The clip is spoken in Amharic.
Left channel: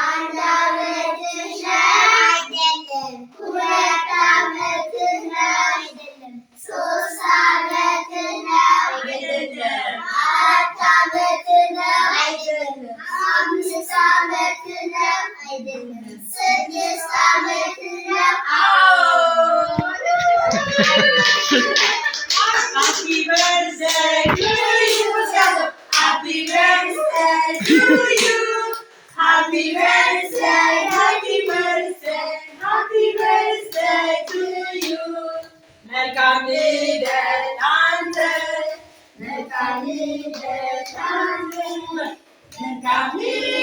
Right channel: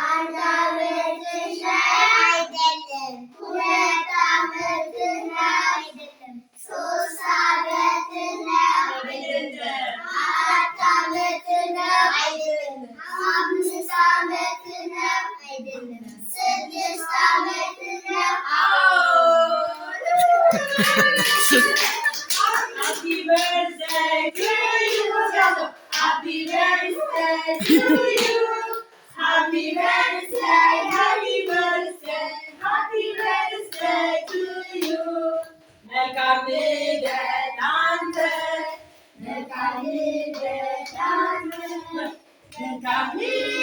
አንድ ዓመትሽ አይደለም፣ ሁለት ዓመትሽ አይደለም፣ ሶስት ዓመትሽ አይደለም፣ አራት ዓመትሽ አይደለም፣ አምስት ዓመትሽ አይደለም፣ ስድስት ዓመትሽ Happy birthday to you. Happy birthday to you. Happy birthday, happy birthday, happy birthday to you. Melkam lidet ante, melkam lidet ante, melkam lidet.